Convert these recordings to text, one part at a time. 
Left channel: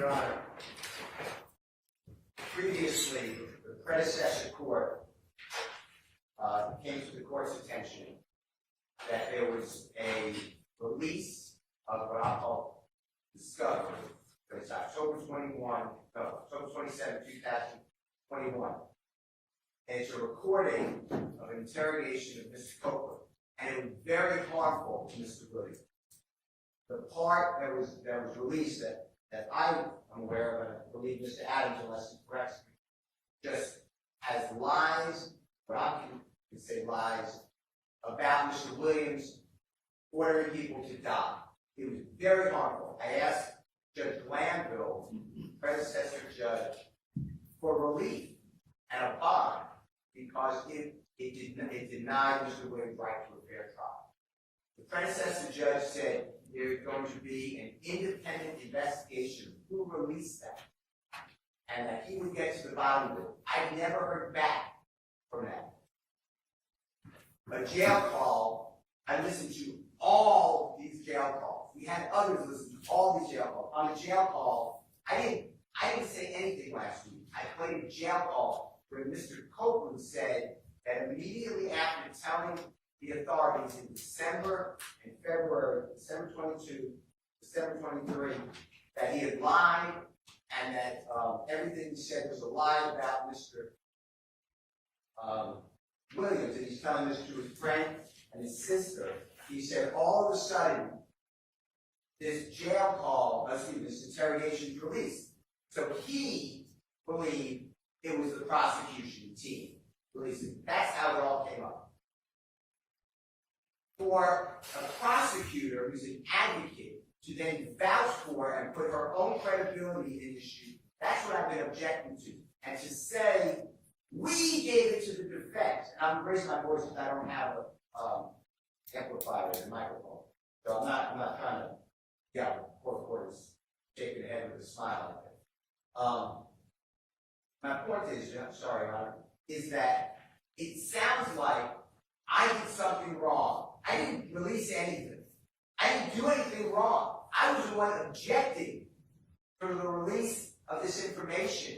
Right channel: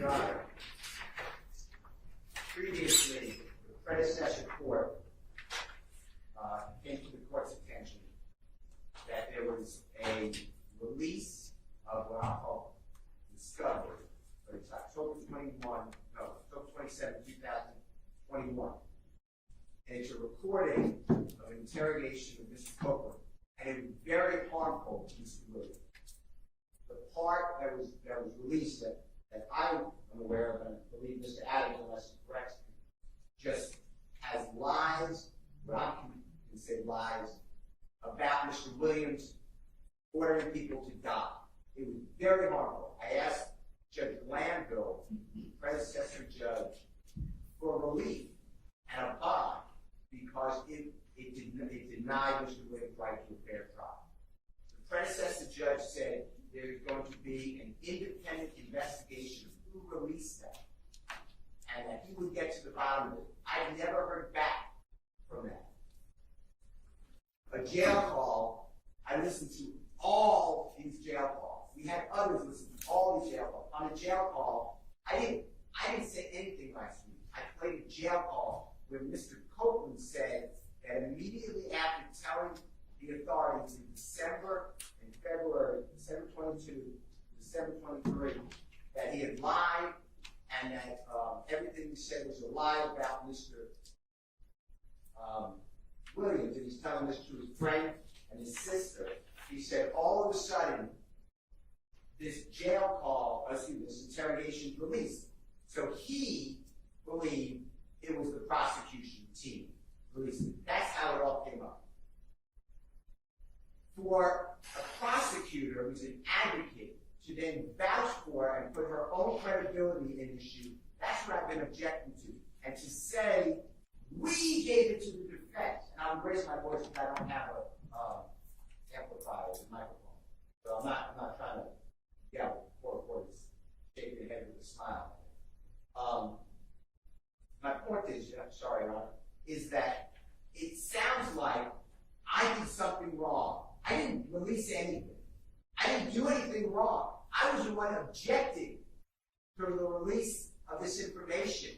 Your Honor, previously, the predecessor court came to the court's attention that there was a release of what I'll call discovery, but it's October 27, 2021. And it's a recording of an interrogation of Mr. Culprit, and it was very harmful to Mr. Williams. The part that was released that I'm aware of, and I believe Mr. Adams, unless he corrects me, just has lies, what I can say lies, about Mr. Williams ordering people to die. It was very harmful. I asked Judge Glanville, predecessor judge, for relief and a bond because it denied Mr. Williams' right to a fair trial. The predecessor judge said there's going to be an independent investigation of who released that, and that he would get to the bottom of it. I never heard back from that. A jail call, I listened to all these jail calls. We had others listen to all these jail calls. On a jail call, I didn't say anything last week. I played a jail call where Mr. Copeland said that immediately after telling the authorities in December and February, December 22, December 23, that he had lied and that everything he said was a lie about Mr. Williams, and he's telling this to his friend and his sister. He said all of a sudden, this this interrogation is released. So he believed it was the prosecution team releasing it. That's how it all came up. For a prosecutor who's an advocate to then vouch for and put her own credibility in issue, that's what I've been objecting to. And to say, we gave it to the defense, and I'm raising my voice because I don't have a amplifier and a microphone. So I'm not trying to, court is shaking the head with a smile. My point is, sorry, Your Honor, is that it sounds like I did something wrong. I didn't release anything. I didn't do anything wrong. I was the one objecting to the release of this information.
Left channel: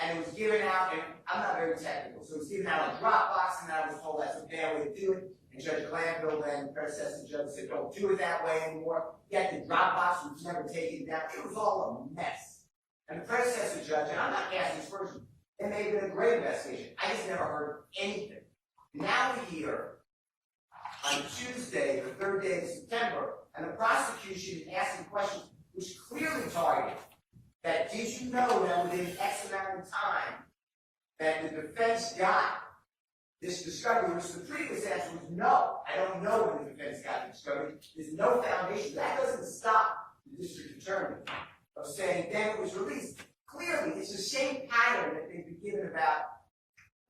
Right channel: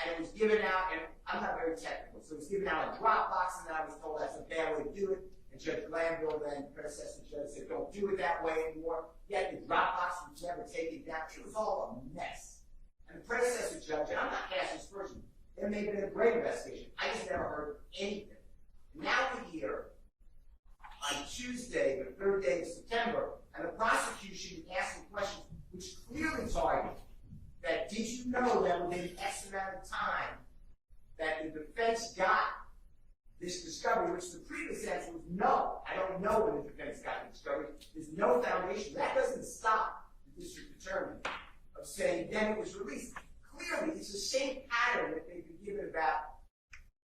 And it was given out, and I'm not very technical, so it was given out on Dropbox, and I was told that's a bad way to do it. And Judge Glanville, then predecessor judge, said, don't do it that way anymore. Yet the Dropbox was never taken down. It was all a mess. And the predecessor judge, and I'm not asking this person, there may have been a great investigation. I just never heard anything. Now we're here on Tuesday, the third day of September, and the prosecution is asking questions which clearly target that did you know that within X amount of time that the defense got this discovery, which the previous answer was no. I don't know when the defense got the discovery. There's no foundation. That doesn't stop the district attorney of saying then it was released. Clearly, it's the same pattern that they've been given about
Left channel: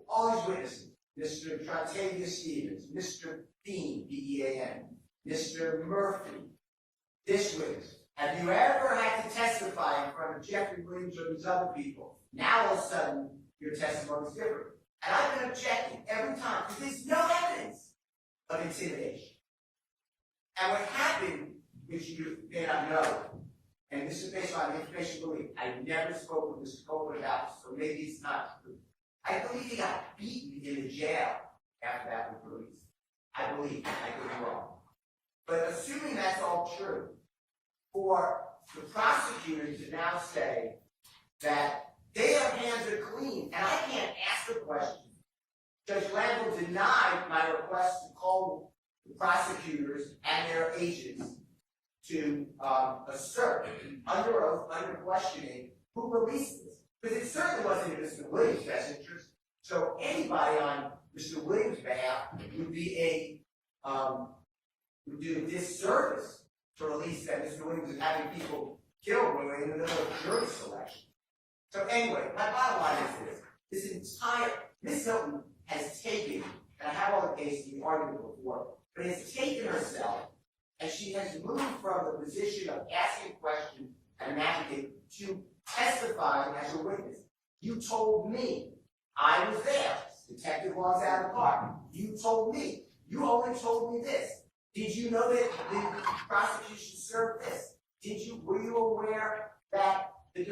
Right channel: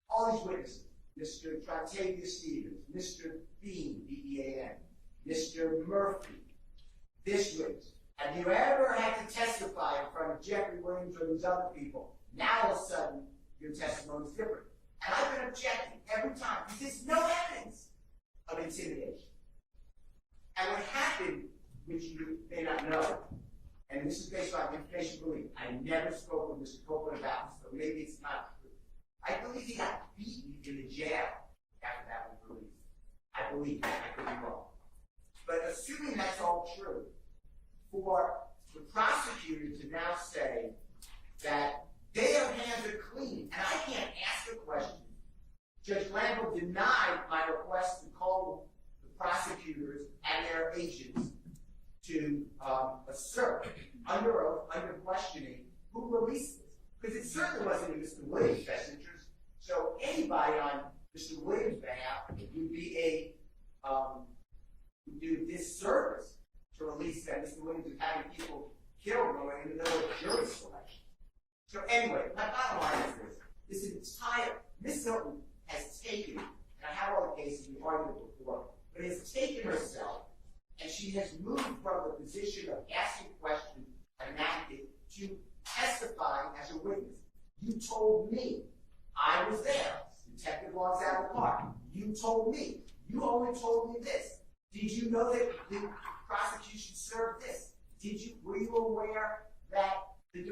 all these witnesses. Mr. Trontavia Stevens, Mr. Bean, B-E-A-N, Mr. Murphy, this witness. Have you ever had to testify in front of Jeffrey Williams or these other people? Now all of a sudden, your testimony is different. And I've been objecting every time because there's no evidence of intimidation. And what happened, which you may not know, and this is based on information belief, I never spoke with Mr. Copeland about this, so maybe it's not true. I believe he got beaten in the jail after that was released. I believe that. I could be wrong. But assuming that's all true, for the prosecutor to now say that their hands are clean, and I can't ask a question. Judge Glanville denied my request to call the prosecutors and their agents to assert under oath, under questioning, who released this. Because it certainly wasn't in Mr. Williams' best interest. So anybody on Mr. Williams' behalf would be would do a disservice to release that Mr. Williams is having people killed when we're in the middle of jury selection. So anyway, my bottom line is this entire, Ms. Hilton has taken, and I have all the cases we argued before, but has taken herself, and she has moved from the position of asking questions and an advocate to testifying as a witness. You told me I was there. Detective walks out of the car. You told me. You only told me this. Did you know that the prosecution served this? Were you aware that the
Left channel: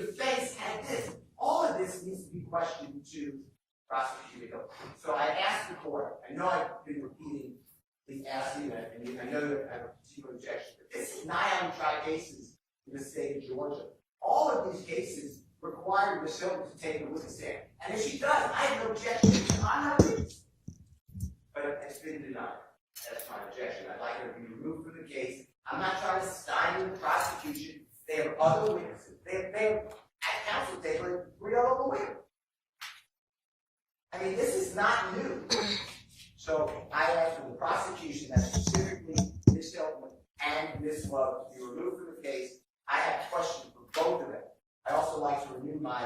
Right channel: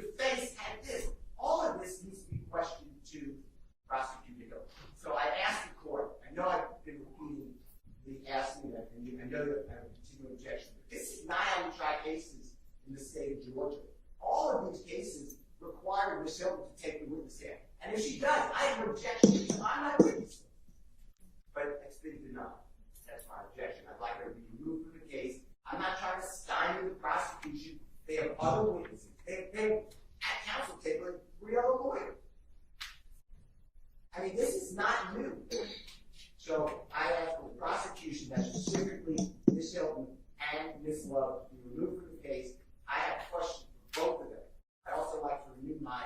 of Georgia. All of these cases require Ms. Hilton to take a witness stand. And if she does, I have no objection to I'm not witness. But it's been denied. That's my objection. I'd like her to be removed from the case. I'm not trying to stymie the prosecution. They have other witnesses. They at counsel table, 3 other lawyers. I mean, this is not new. So I ask for the prosecution that specifically Ms. Hilton and Ms. Love be removed from the case. I have questions for both of them. I also like to renew my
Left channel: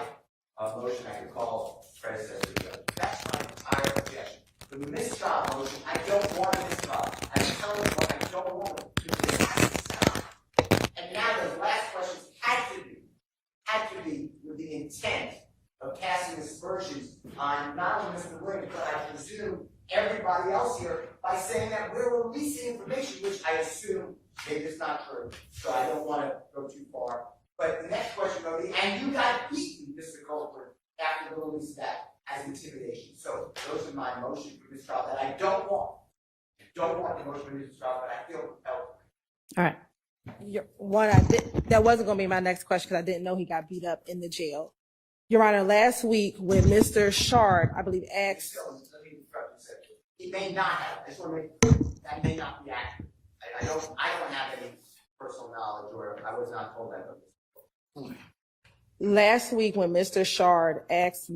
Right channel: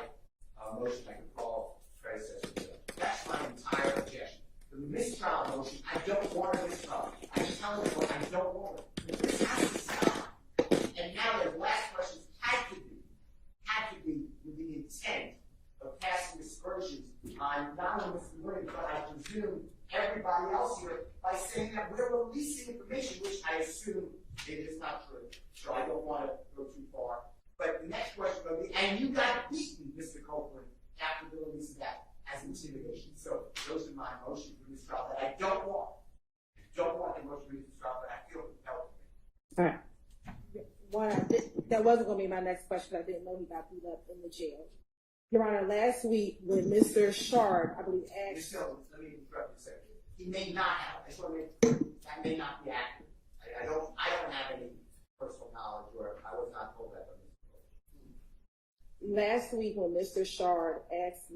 motion I could call predecessor. That's my entire objection. For the mistrial motion, I don't want a mistrial. I'm telling you what I don't want. This has to stop. And now those last questions had to be with the intent of casting aspersions on not only Mr. Williams, but I presume everybody else here by saying that we're releasing information, which I assume maybe it's not true. So I don't want to go too far. But the next question will be, and you got beaten, Mr. Culprit, after the release of that as intimidation. So those are my motion for this trial that I don't want. Don't want the motion for this trial, but I feel compelled. All right. That wasn't going to be my next question because I didn't know he got beat up in the jail. Your Honor, last week when Mr. Shard, I believe, asked. Let me interrupt you a second. He may not have. I just want to make clear that may not be accurate. I don't have any personal knowledge, or I was not told that. Last week when Mr. Shard asked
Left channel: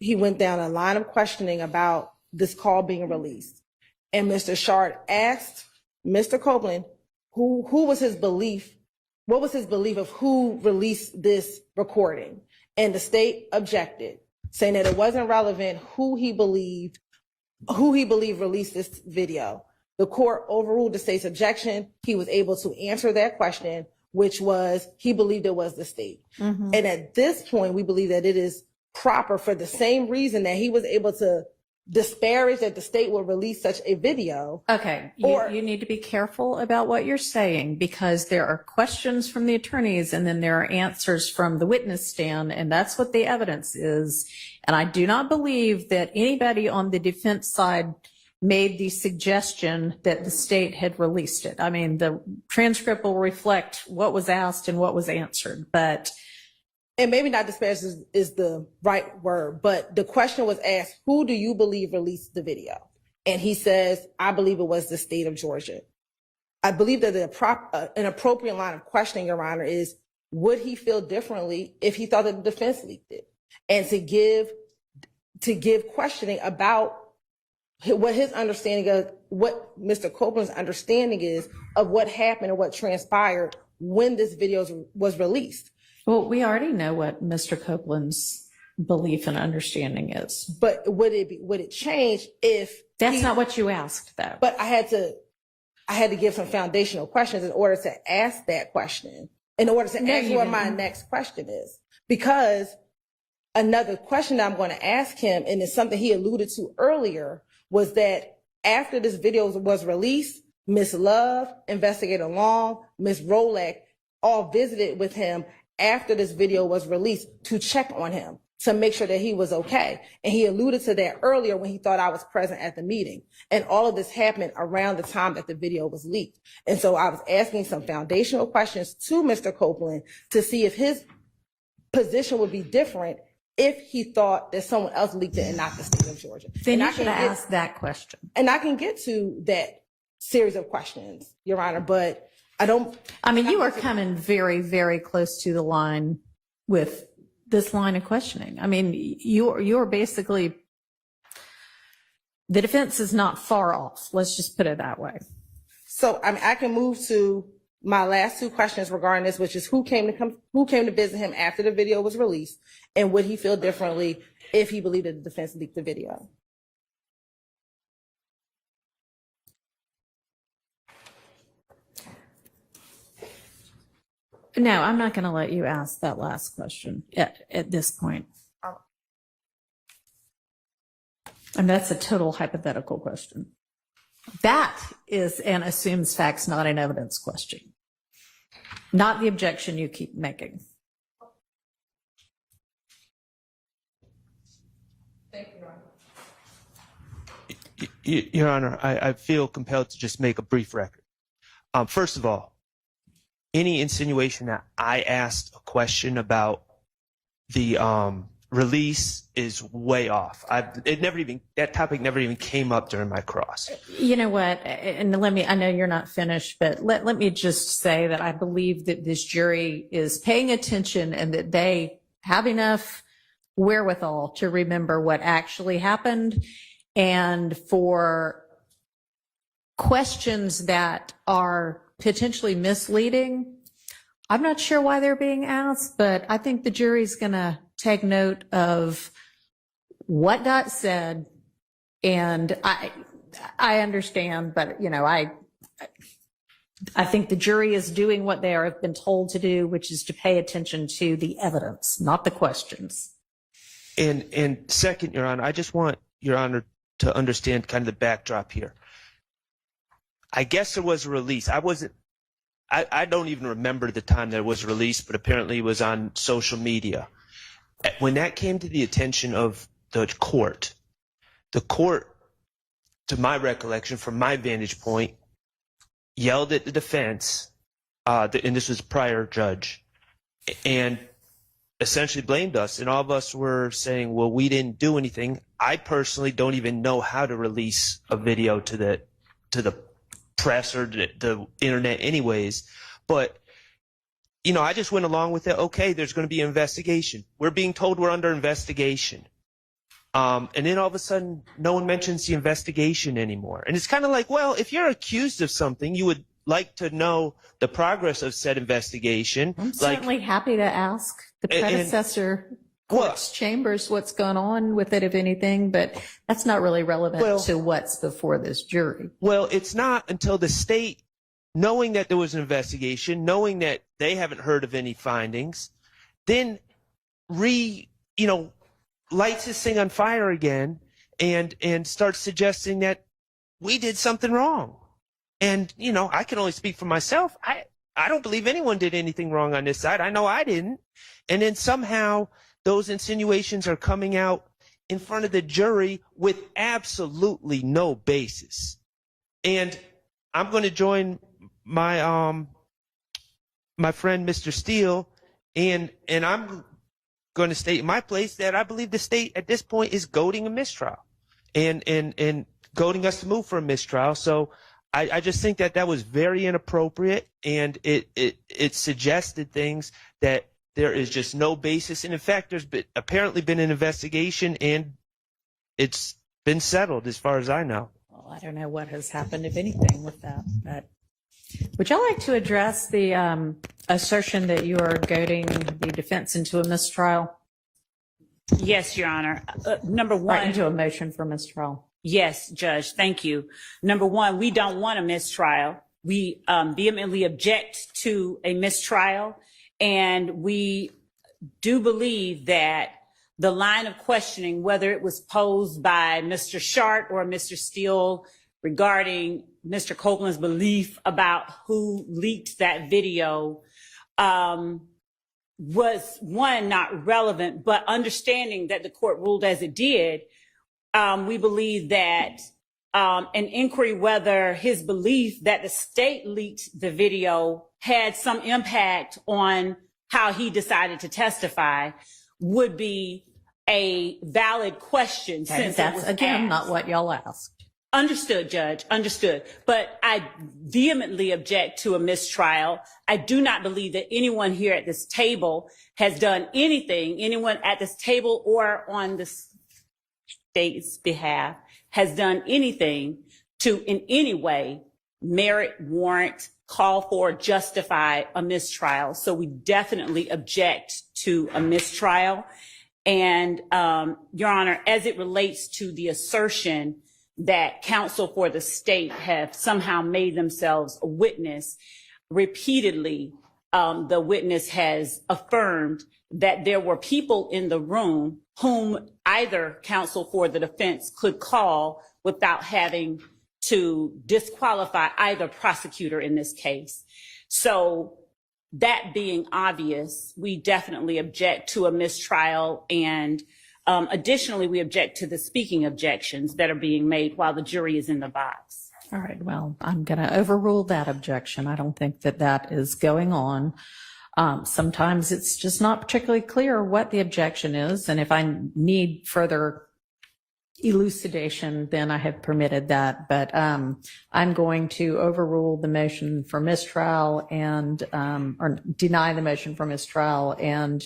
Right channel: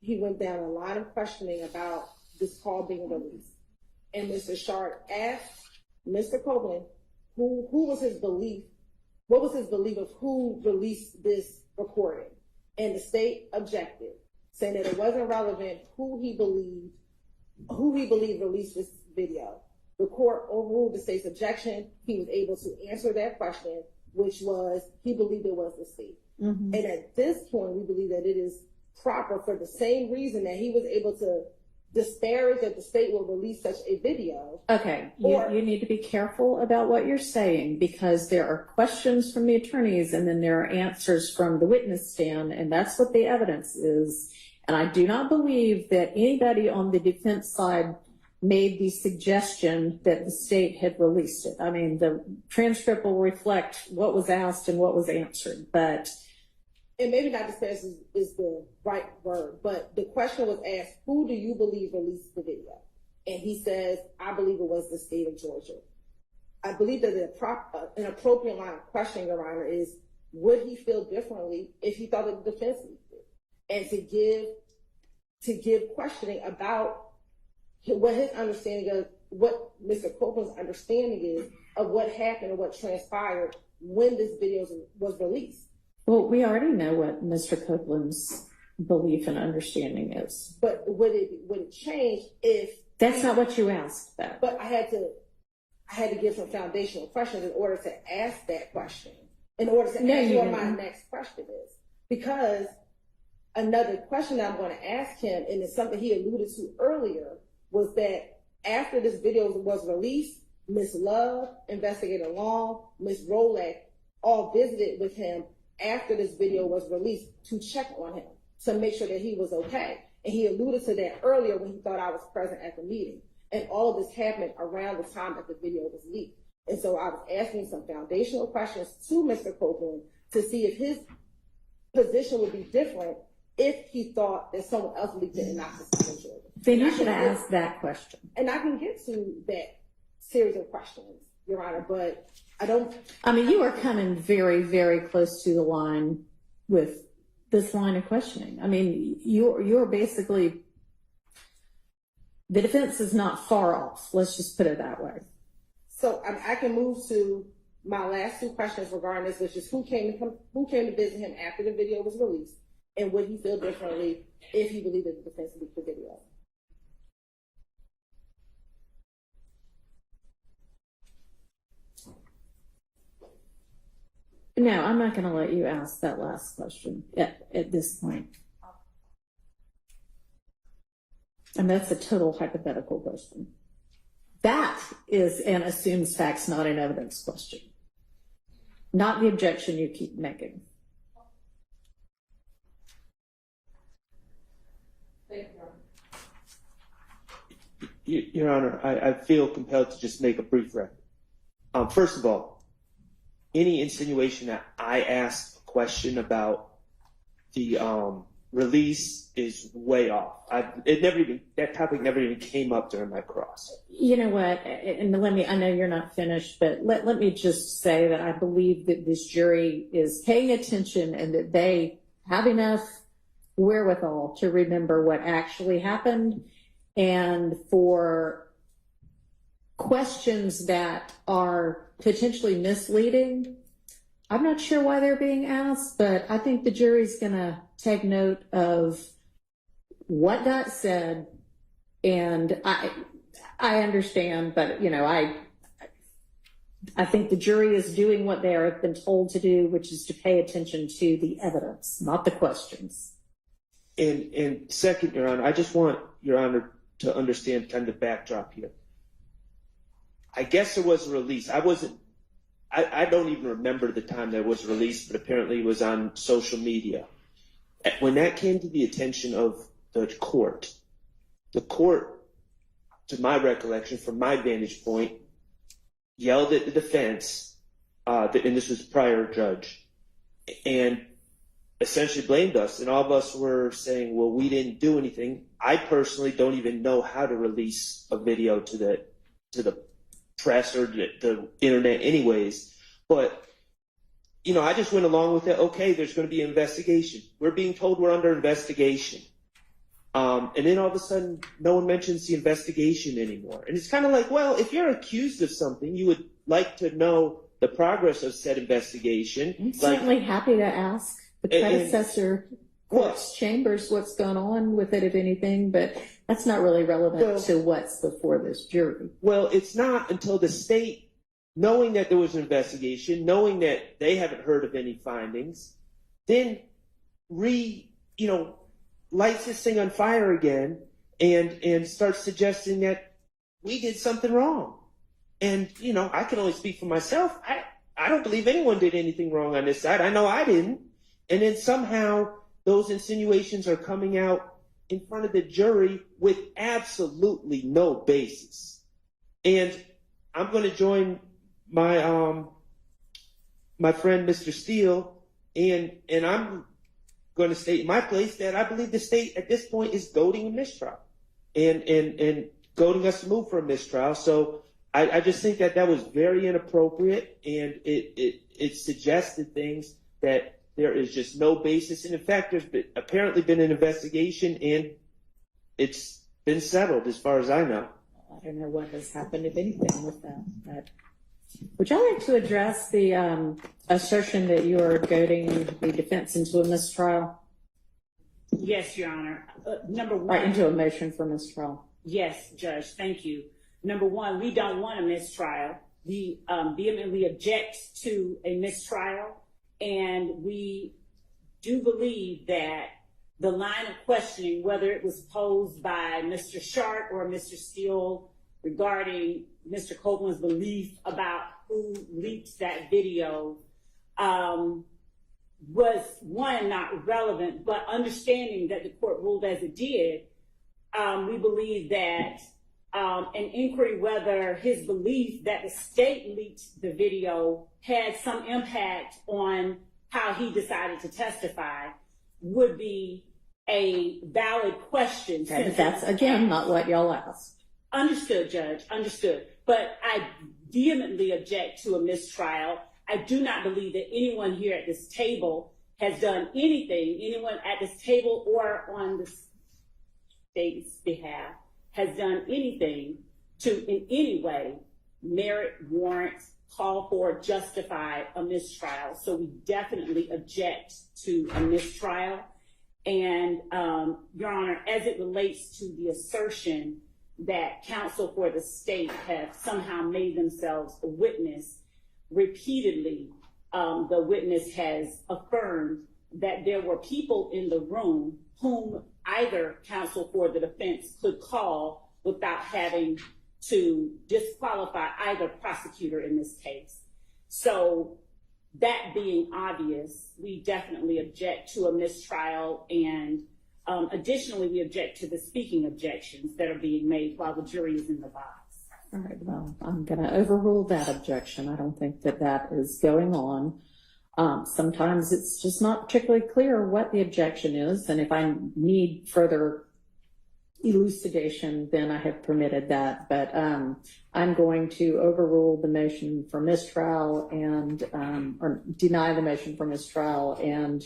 he went down a line of questioning about this call being released. And Mr. Shard asked Mr. Copeland who was his belief, what was his belief of who released this recording? And the state objected, saying that it wasn't relevant who he believed released this video. The court overruled the state's objection. He was able to answer that question, which was he believed it was the state. Mm-hmm. And at this point, we believe that it is proper for the same reason that he was able to disparage that the state will release such a video. Okay, you need to be careful about what you're saying because there are questions from the attorneys and then there are answers from the witness stand, and that's what the evidence is. And I do not believe that anybody on the defense side made the suggestion that the state had released it. I mean, the transcript will reflect what was asked and what was answered, but and maybe not disparage is the right word, but the question was asked, who do you believe released the video? And he says, I believe it was the state of Georgia. I believe that an appropriate line of questioning, Your Honor, is would he feel differently if he thought that the defense leaked it? And to give questioning about what his understanding of, what Mr. Copeland's understanding is of what happened and what transpired when this video was released. Well, we already know what Mr. Copeland's belief and understanding is. But would it change if that's not what you asked, though? But I had to give some foundational questions in order to ask that question, in order to ask what my next question is. Because another question that I'm going to ask him, and it's something he alluded to earlier, was that after this video was released, Ms. Love, Investigator Long, Ms. Rolek all visited with him after this video was released to check on him, to make sure that he was okay. And he alluded to that earlier when he thought I was present at the meeting. And all of this happened around the time that the video was leaked. And so I was asking some foundational questions to Mr. Copeland to see if his position would be different if he thought that someone else leaked it and not the state of Georgia. Then you should ask that question. And I can get to that series of questions, Your Honor, but I mean, you are coming very, very close to the line with this line of questioning. I mean, you're basically, the defense is not far off. Let's just put it that way. So I can move to my last two questions regarding this, which is who came to visit him after the video was released, and would he feel differently if he believed that the defense leaked the video? No, I'm not going to let you ask that last question at this point. And that's a total hypothetical question. That is an assumes facts, not an evidence question. Not the objection you keep making. Thank you, Your Honor, I feel compelled to just make a brief record. First of all, any insinuation that I asked a question about the release is way off. That topic never even came up during my cross. You know what? And I know you're not finished, but let me just say that I believe that this jury is paying attention and that they have enough wherewithal to remember what actually happened, and for questions that are potentially misleading, I'm not sure why they're being asked, but I think the jury's going to take note of what got said. And I understand, but I think the jury is doing what they have been told to do, which is to pay attention to the evidence, not the questions. And second, Your Honor, I just want Your Honor to understand kind of the backdrop here. I guess there was a release. I don't even remember the time that it was released, but apparently it was on social media. When that came to the attention of the court, to my recollection, from my vantage point, yelled at the defense, and this was a prior judge, and essentially blamed us. And all of us were saying, well, we didn't do anything. I personally don't even know how to release a video to the press or the internet anyways. But, I just went along with it. Okay, there's going to be an investigation. We're being told we're under investigation. And then all of a sudden, no one mentions the investigation anymore. And it's kind of like, well, if you're accused of something, you would like to know the progress of said investigation. I'm certainly happy to ask the predecessor court's chambers what's gone on with it, if anything, but that's not really relevant to what's before this jury. Well, it's not until the state, knowing that there was an investigation, knowing that they haven't heard of any findings, then lights this thing on fire again and starts suggesting that we did something wrong. And, I can only speak for myself. I don't believe anyone did anything wrong on this side. I know I didn't. And then somehow those insinuations are coming out in front of the jury with absolutely no basis. And I'm going to join my my friend Mr. Steele, and I'm going to state in my place that I believe the state at this point is goading a mistrial and goading us to move for a mistrial. So I just think that was very inappropriate, and it suggested things that there is just no basis. And in fact, there's apparently been an investigation, and it's been settled as far as I know. Well, I don't know what has happened, if anything, with that. But would y'all like to address the assertion that you are goading the defense into a mistrial? Yes, Your Honor. Number one. Or into a motion for mistrial. Yes, Judge. Thank you. Number one, we don't want a mistrial. We vehemently object to a mistrial. And we do believe that the line of questioning, whether it was posed by Mr. Shart or Mr. Steele regarding Mr. Copeland's belief about who leaked that video, was, one, not relevant, but understanding that the court ruled as it did, we believe that an inquiry whether his belief that the state leaked the video had some impact on how he decided to testify would be a valid question. And that's, again, not what y'all asked. Understood, Judge, understood. But I vehemently object to a mistrial. I do not believe that anyone here at this table has done anything, anyone at this table or on the state's behalf has done anything to in any way merit, warrant, call for, justify a mistrial. So we definitely object to a mistrial. And Your Honor, as it relates to the assertion that counsel for the state have somehow made themselves a witness, repeatedly the witness has affirmed that there were people in the room whom either counsel for the defense could call without having to disqualify either prosecutor in this case. So that being obvious, we definitely object to a mistrial, and additionally, we object to the speaking objections that are being made while the jury is in the box. All right, well, I'm going to overrule that objection. I don't think that that is going on. Sometimes it's just not particularly clear what the objection is, and if I need further elucidation, then I have permitted that. But I'm going to overrule the motion for mistrial and or deny the motion for mistrial and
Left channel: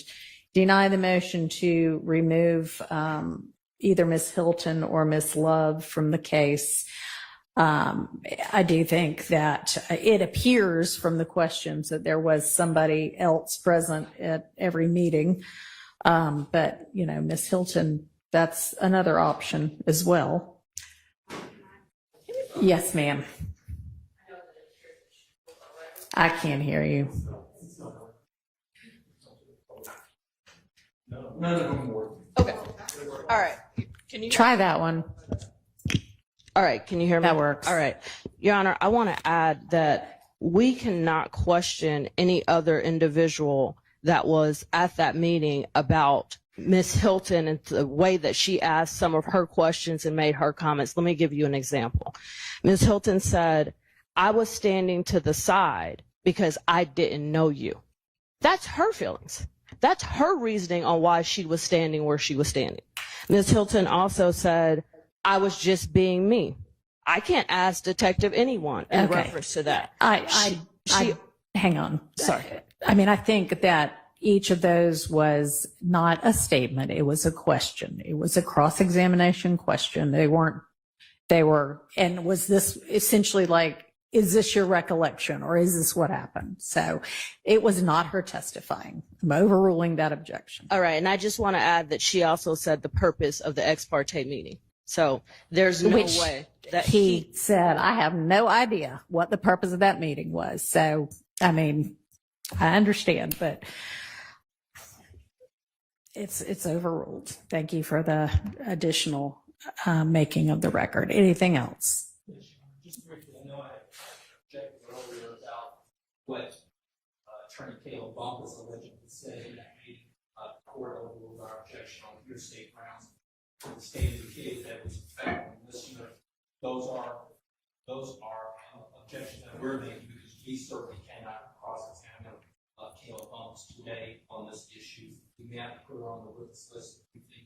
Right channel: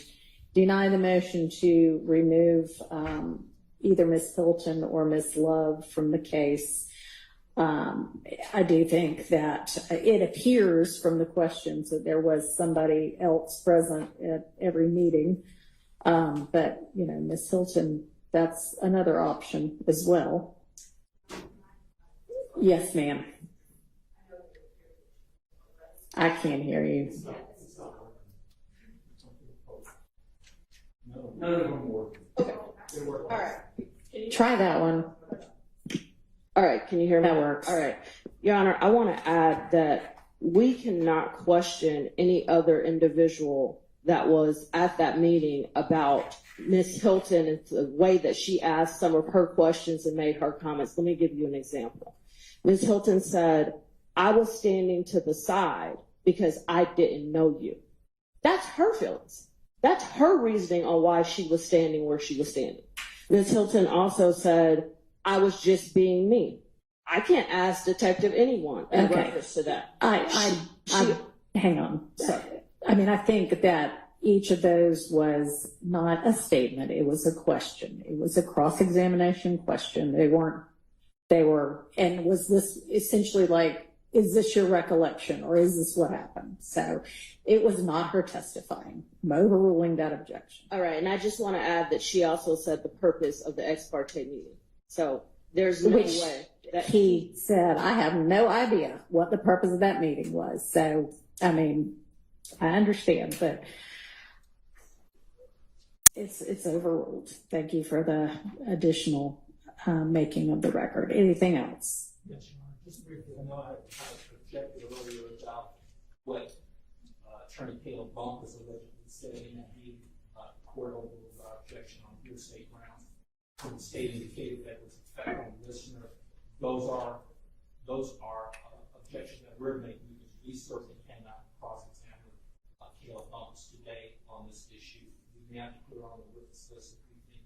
deny the motion to remove either Ms. Hilton or Ms. Love from the case. I do think that it appears from the questions that there was somebody else present at every meeting. But, you know, Ms. Hilton, that's another option as well. Yes, ma'am. I can't hear you. Okay. All right. Can you Try that one. All right. Can you hear me? That works. All right. Your Honor, I want to add that we cannot question any other individual that was at that meeting about Ms. Hilton and the way that she asked some of her questions and made her comments. Let me give you an example. Ms. Hilton said, I was standing to the side because I didn't know you. That's her feelings. That's her reasoning on why she was standing where she was standing. Ms. Hilton also said, I was just being me. I can't ask Detective anyone in reference to that. Hang on. Sorry. I mean, I think that each of those was not a statement. It was a question. It was a cross-examination question. They were, and was this essentially like, is this your recollection or is this what happened? So it was not her testifying. I'm overruling that objection. All right. And I just want to add that she also said the purpose of the ex parte meeting. So there's no way that he said, I have no idea what the purpose of that meeting was. So, I mean, I understand, but it's overruled. Thank you for the additional making of the record. Anything else? Yes, Your Honor. Just briefly, I know I objected earlier about what Attorney Caleb Bump was allegedly said in that meeting. The court overruled our objection on hearsay grounds. When the state indicated that it was effective listener, those are objections that we're making because we certainly cannot cross-examine Caleb Bumps today on this issue. We may have to put her on the witness list if we think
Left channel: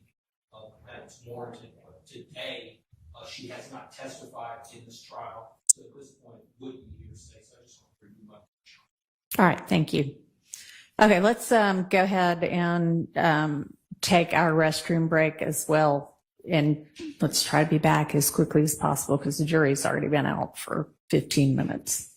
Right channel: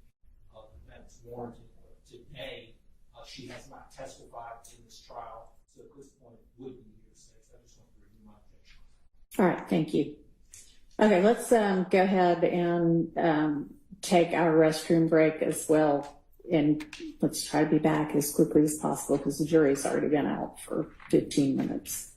that it's warranted. Today, she has not testified in this trial, so at this point it would be hearsay. So I just want to remove my objection. All right. Thank you. Okay. Let's go ahead and take our restroom break as well. And let's try to be back as quickly as possible because the jury's already been out for 15 minutes.